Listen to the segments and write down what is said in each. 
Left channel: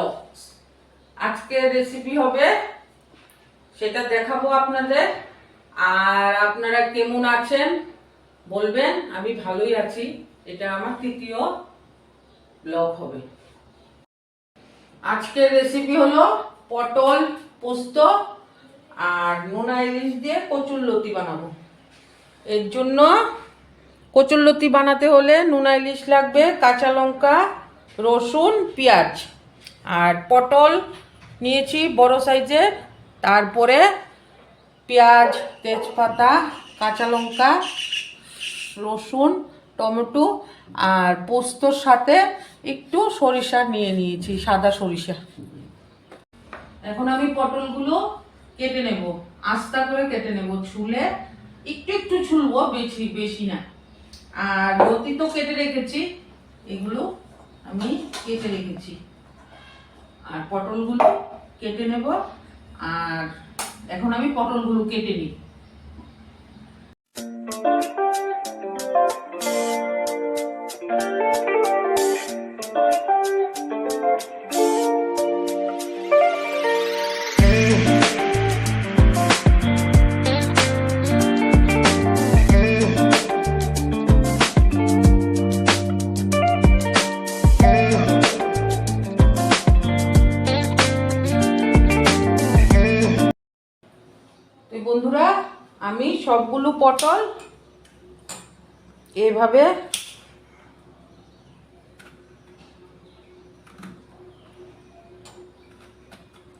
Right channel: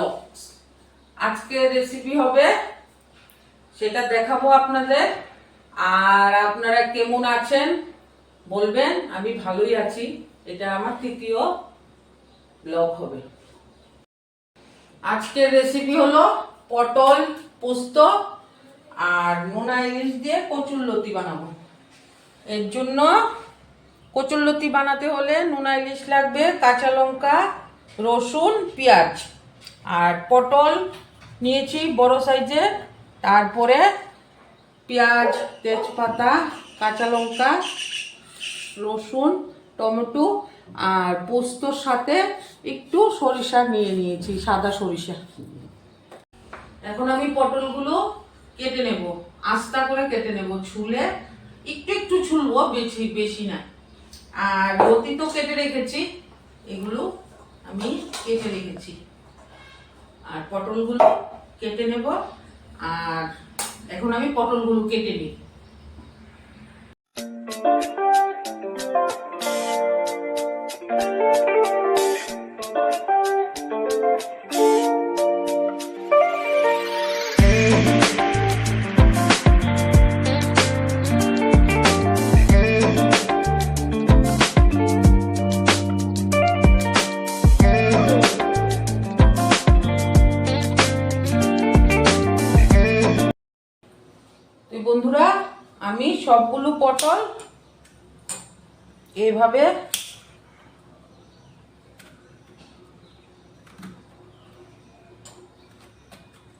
Blogs. আজকে recipe হবে, সেটা দেখাবো আপনাদের। আর আপনারা কেমন আছেন বলবেন। আমি ভালোই আছি। এটা আমার তৃতীয় ব্লগ হবে। আজকের রেসিপি হলো পটল পোস্ত আর নোনা ইলিশ দিয়ে কচুরলতি বানাবো। এর জন্য কচুরলতি বানাতে হলে নোনা ইলিশ লাগবে, কাঁচা লঙ্কা, রসুন, পেঁয়াজ আর পটল নিয়েছি বড় সাইজের। তারপরে পেঁয়াজ, তেজপাতা, কাঁচা লঙ্কা, রসুন, টমেটো আর পোস্তর সাথে একটু সরিষা নিয়ে নিয়েছি, সাদা সরিষা। এখন আমি পটলগুলো কেটে নেব, আস্তা করে কেটে নেব, ছুলে একটু একটু ছুলবো, বেশি বেশি না। আর লতি তো কেটে রেখেছি, এগুলো আমি কেটে রেখেছি। আর পটলগুলো কেটে নেব। আর এখন আমি পটলগুলো কেটে নিই। বন্ধুরা, আমি সবগুলো পটল এভাবে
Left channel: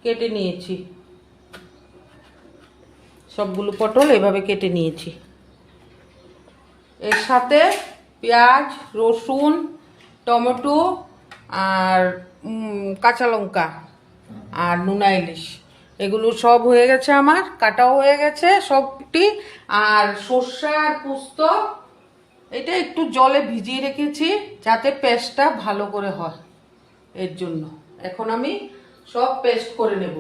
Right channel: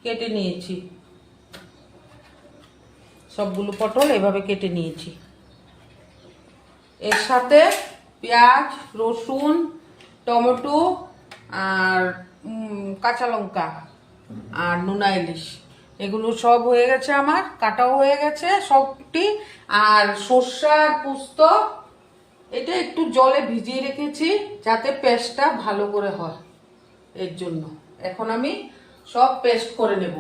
কেটে নিয়েছি। সবগুলো পটল এভাবে কেটে নিয়েছি। এর সাথে পেঁয়াজ, রসুন, টমেটো আর কাঁচা লঙ্কা আর নোনা ইলিশ, এগুলো সব হয়ে গেছে, আমার কাটাও হয়ে গেছে সবটি। আর সর্ষে আর পোস্ত এটা একটু জলে ভিজিয়ে রেখেছি যাতে পেস্টটা ভালো করে হয়, এর জন্য। এখন আমি সব পেস্ট করে নেব।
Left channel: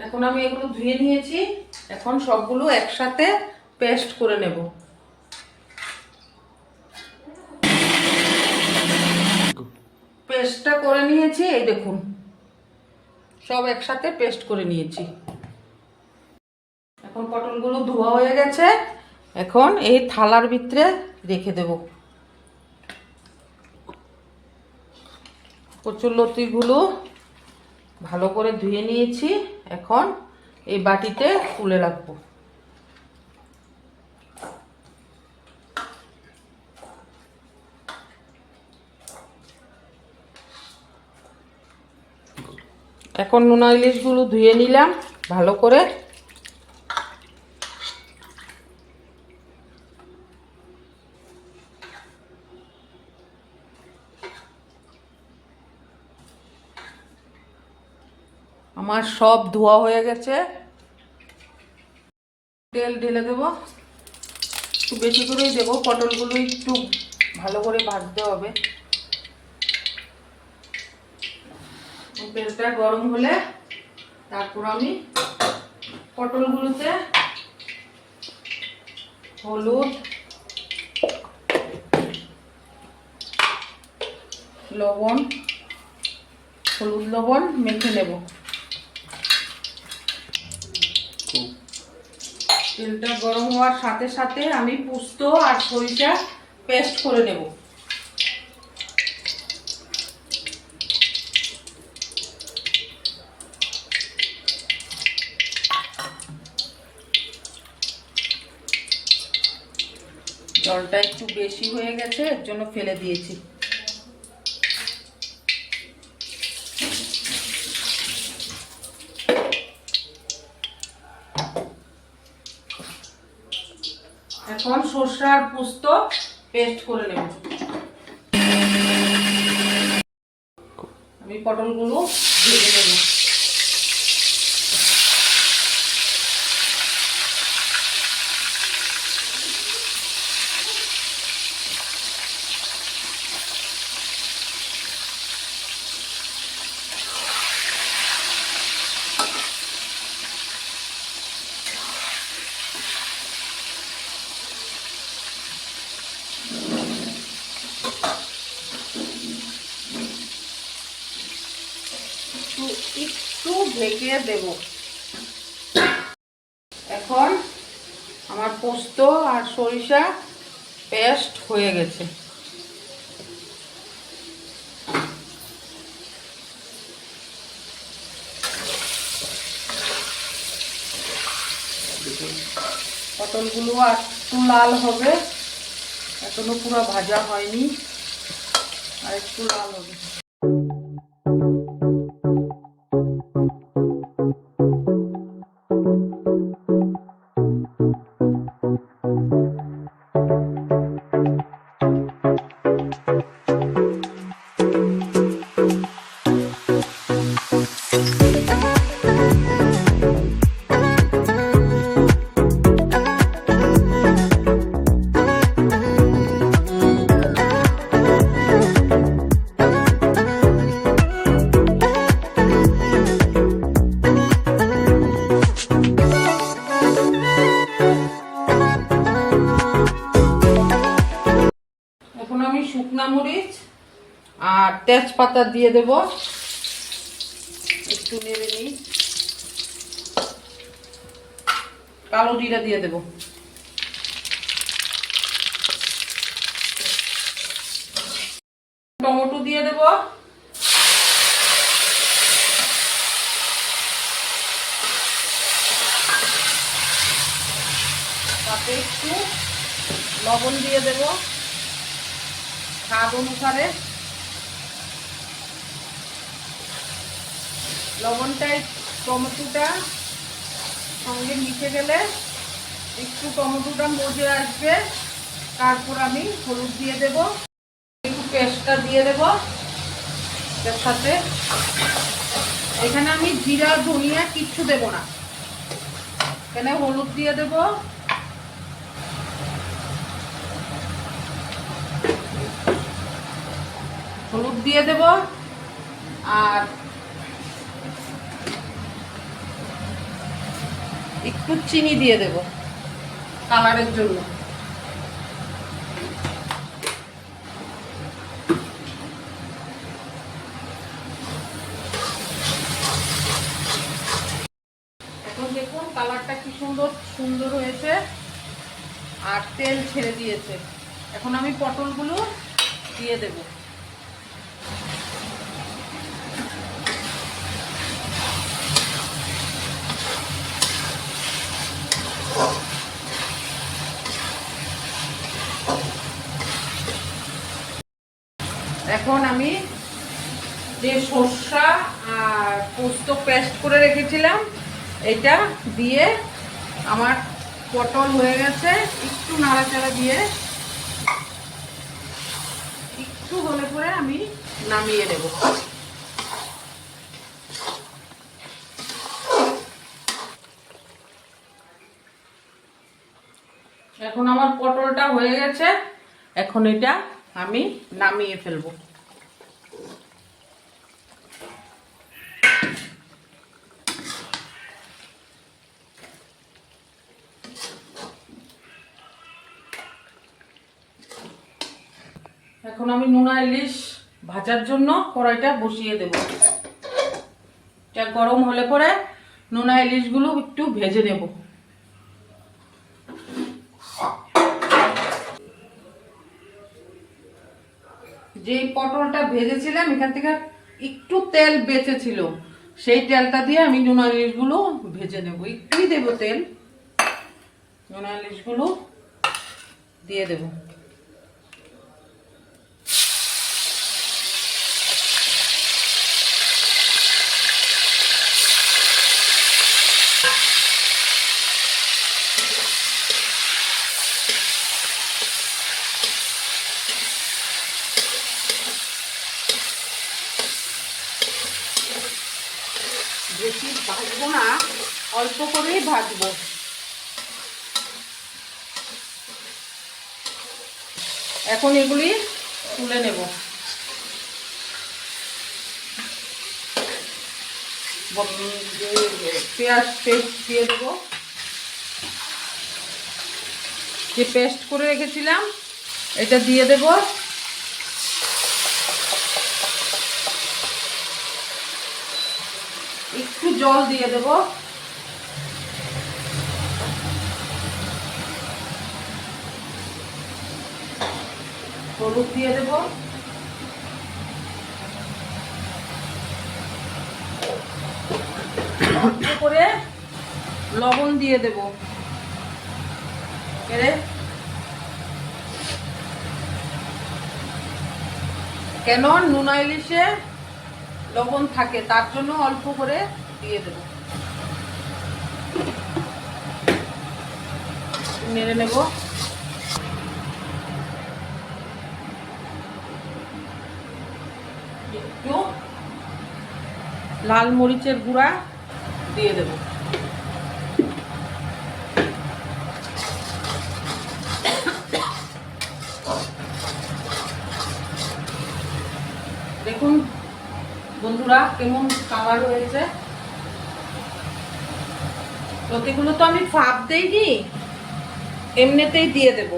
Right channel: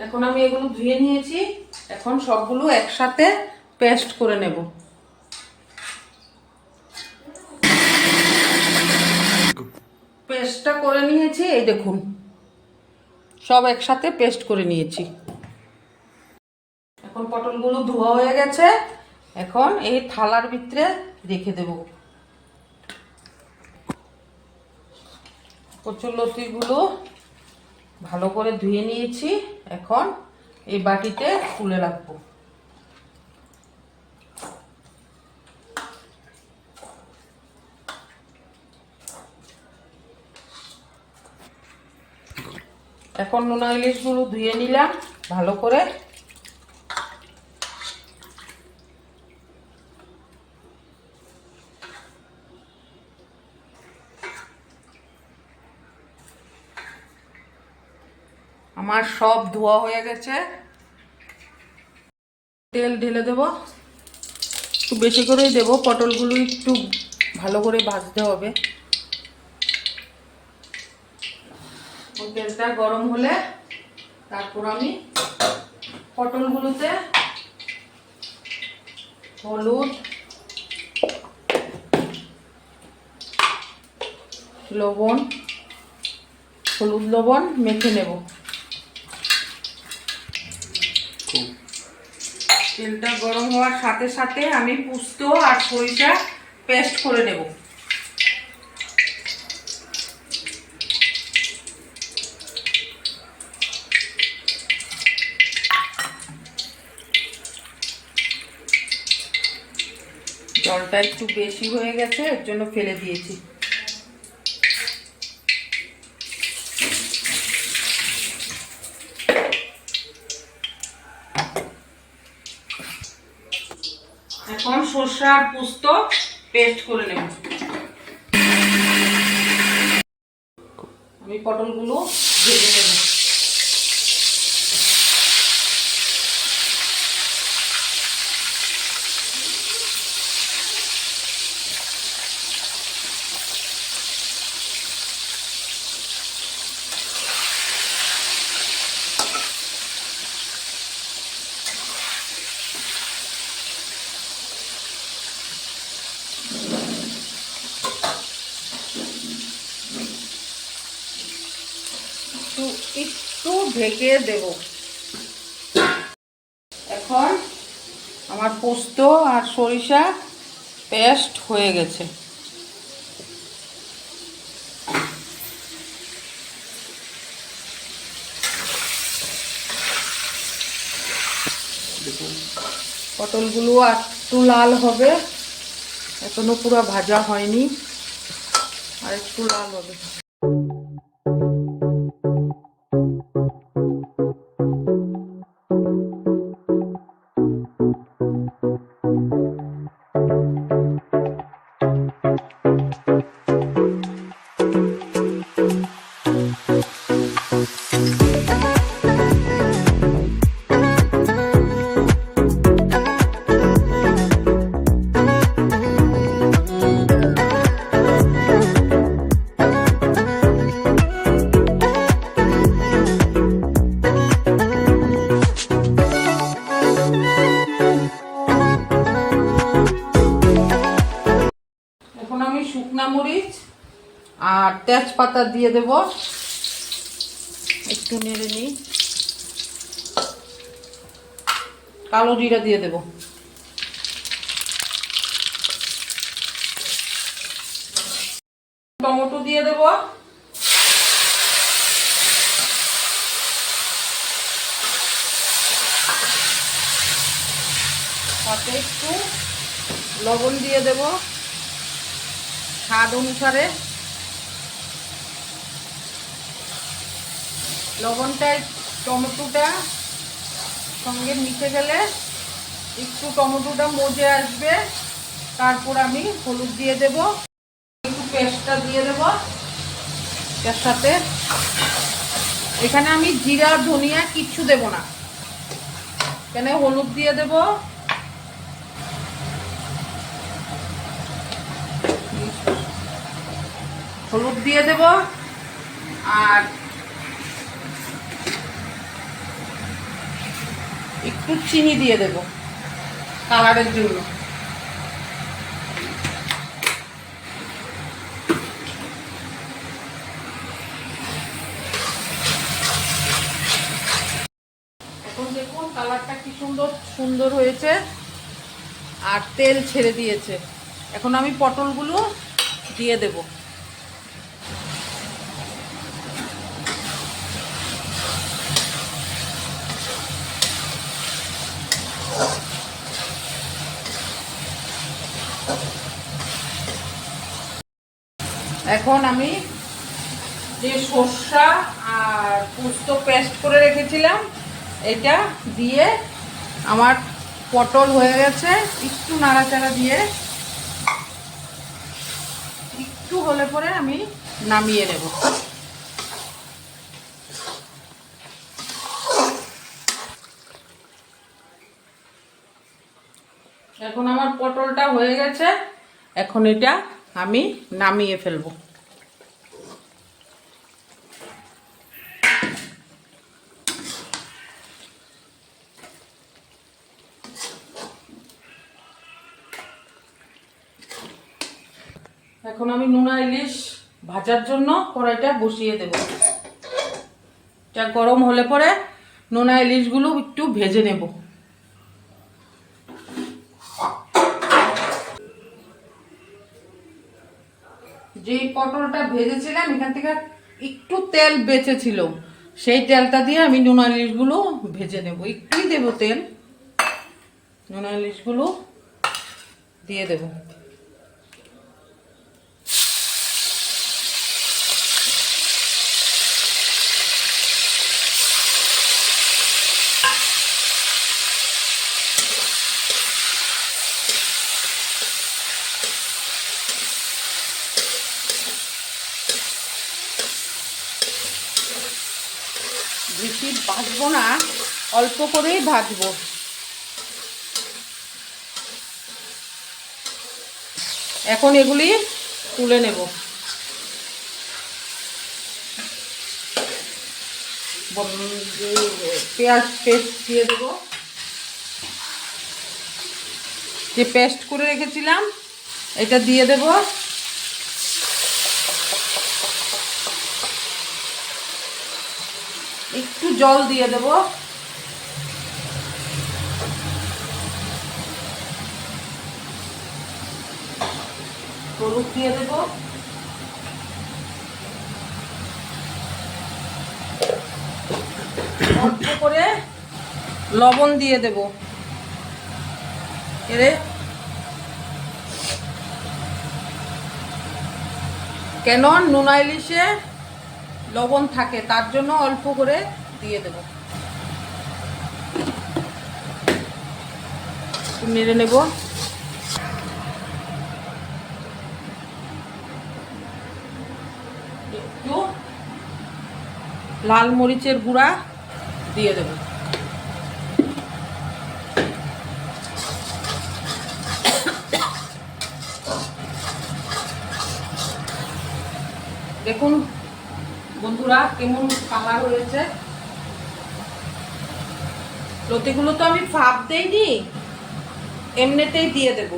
এখন আমি এগুলো ধুয়ে নিয়েছি, এখন সবগুলো একসাথে পেস্ট করে নেব। পেস্টটা করে নিয়েছি, এই দেখুন সব একসাথে পেস্ট করে নিয়েছি। এখন পটলগুলো ধোয়া হয়ে গেছে, এখন এই থালার ভিতরে রেখে দেব। কচুরলতিগুলো ভালো করে ধুয়ে নিয়েছি, এখন এই বাটিতে তুলে রাখবো। এখন নোনা ইলিশগুলো ধুয়ে নিলাম ভালো করে। আমার সব ধোয়া হয়ে গেছে। তেল ঢেলে দেব, একটু বেশি করেই দেব, পটলগুলো একটু ভালো করে ভাজতে হবে। তেলটা গরম হলে তারপর আমি পটলগুলোতে হলুদ, লবণ, হলুদ লবণ মেখে নেব। তেলটা গরম হওয়ার সাথে সাথে আমি পোস্ত আর সরিষা পেস্ট করে নেব। জলটা একটু বেশি হয়ে গেছে, এর জন্য ফেলে দিয়েছি। এখন সরষে আর পোস্ত পেস্ট করে নেব। আমি পটলগুলো ভেজে নেব। একটু ঢেকে দেব। এখন আমার পোস্ত আর সরিষা পেস্ট হয়ে গেছে। পটলগুলো একটু লাল হবে, এখনো পুরো ভাজা হয়নি, আর একটু লাল হবে। এখন আমি শুকনা মরিচ আর তেজপাতা দিয়ে দেব, একটু নেড়ে নিই। কালো জিরা দিয়ে দেব। টমেটো দিয়ে দেব। তাতে একটু লবণ দিয়ে দেব স্বাদ অনুসারে। লবণটা টমেটোটা সঙ্গে মিশে গেলে একটু টমেটোটা মজে আসবে, তারপর আমি হলুদ দিয়ে দেব, একটু পেস্টটা দিয়ে দেব এর সাথে। এখানে আমি জিরা ধনিয়া কিচ্ছু দেব না, এখানে হলুদ দিয়ে দেব, হলুদ দিয়ে দেব আর একটু চিনি দিয়ে দেব কালারের জন্য। এখন দেখুন কালারটা কি সুন্দর হয়েছে আর তেল ছেড়ে দিয়েছে। এখন আমি পটলগুলো দিয়ে দেব। এখন আমি যে সরষা আর পোস্ত পেস্ট করে রেখেছিলাম এটা দিয়ে, আমার পটল হয়ে গেছে, একটু নাড়াচাড়া দিয়ে একটু হলে পরে আমি নামিয়ে নেব। এখন আমার পটলটা হয়ে গেছে, এখন এটা আমি নামিয়ে ফেলবো। এখন আমি নোনা ইলিশ ভাজার জন্য কড়াইটা বসিয়ে দেব। এটা গরম হলে পরে নোনা ইলিশগুলো একটু ভেজে নেব। যেই পটলটা ভেজেছিলাম এখান থেকে একটু তেল বেঁচেছিল, সেই তেলটা দিয়ে আমি নোনা ইলিশগুলো ভেজে নেব। একটুই দেব তেল, নোনা ইলিশগুলো দিয়ে দেব। বেশি ভাজবো না, অল্প করেই ভাজবো। এখন এগুলি তুলে নেব। পেঁয়াজ পেস্ট দিয়ে দেবো, যে পেস্ট করে রেখেছিলাম এটা দিয়ে দেব। একটু জল দিয়ে দেব। হলুদ দিয়ে দেব, অল্প করে লবণ দিয়ে দেব। কেন নোনা ইলিশে লবণ থাকে, তার জন্য অল্প করে দিয়ে দেব। নেড়ে নেব। একটু লাল মরিচের গুঁড়া দিয়ে দেব। দেখুন বন্ধুরা কেমন কালার হয়েছে। লতিগুলো তো আমি ভাপ দেইনি, এমনিতেই দিয়ে দেব।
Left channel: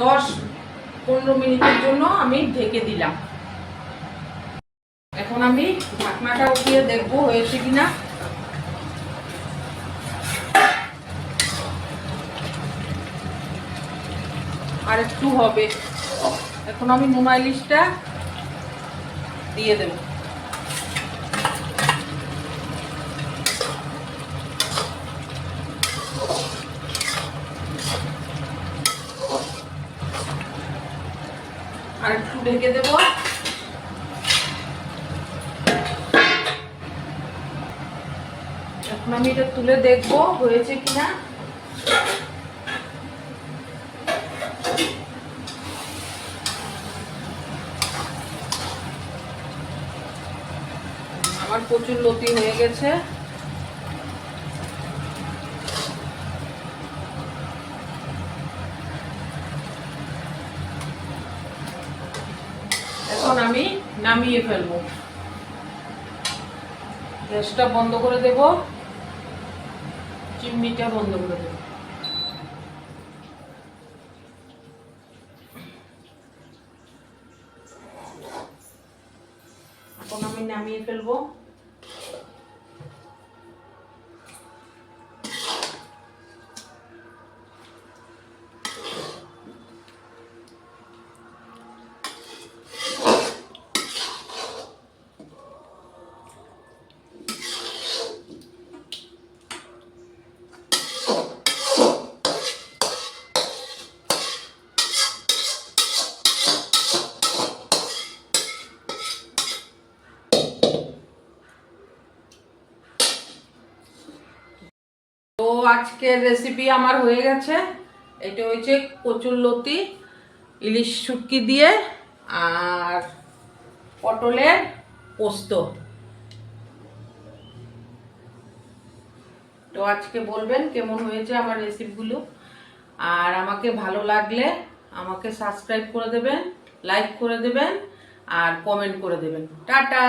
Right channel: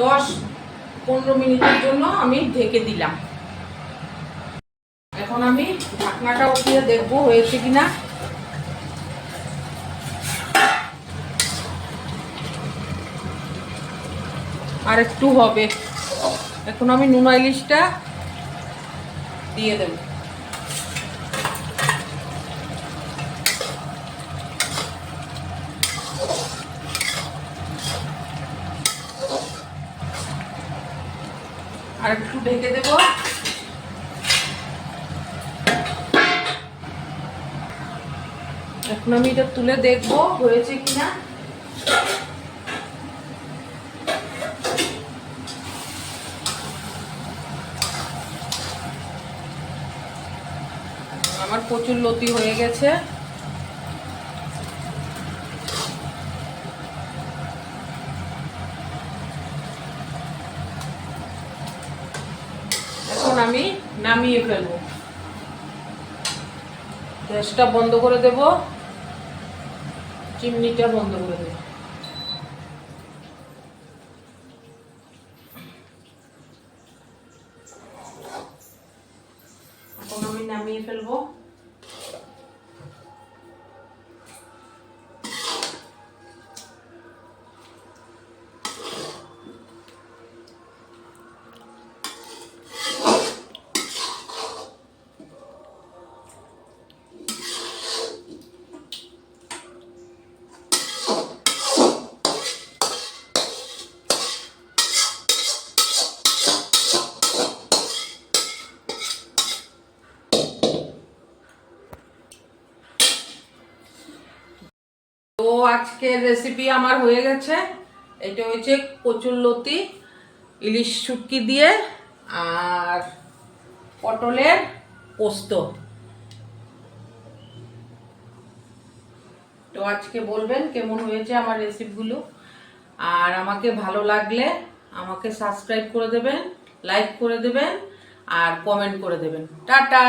দশ 15 মিনিটের জন্য আমি ঢেকে দিলাম। এখন আমি ঢাকনাটা উঠিয়ে দেখবো হয়েছে কিনা। আর একটু হবে। এখন আমি নোনা ইলিশটা দিয়ে দেব। আর একটু ঢেকে দেব। এখন আমি এটা তুলে দেখবো হয়েছে কিনা। আমার প্রচুর লতি হয়ে গেছে। এখন আমি নামিয়ে ফেলবো। গ্যাসটা বন্ধ করে দেব, চিমনিটা বন্ধ করে দেব। এখন আমি নামিয়ে ফেলবো। তো আজকের রেসিপি আমার হয়ে গেছে। এটা হচ্ছে কচুরলতি ইলিশ শুটকি দিয়ে আর পটলের পোস্ত। তো আজকে বলবেন কেমন হয়েছে আমার রেসিপিগুলো। আর আমাকে ভালো লাগলে আমাকে সাবস্ক্রাইব করে দেবেন, লাইক করে দেবেন আর কমেন্ট করে দেবেন। টাটা।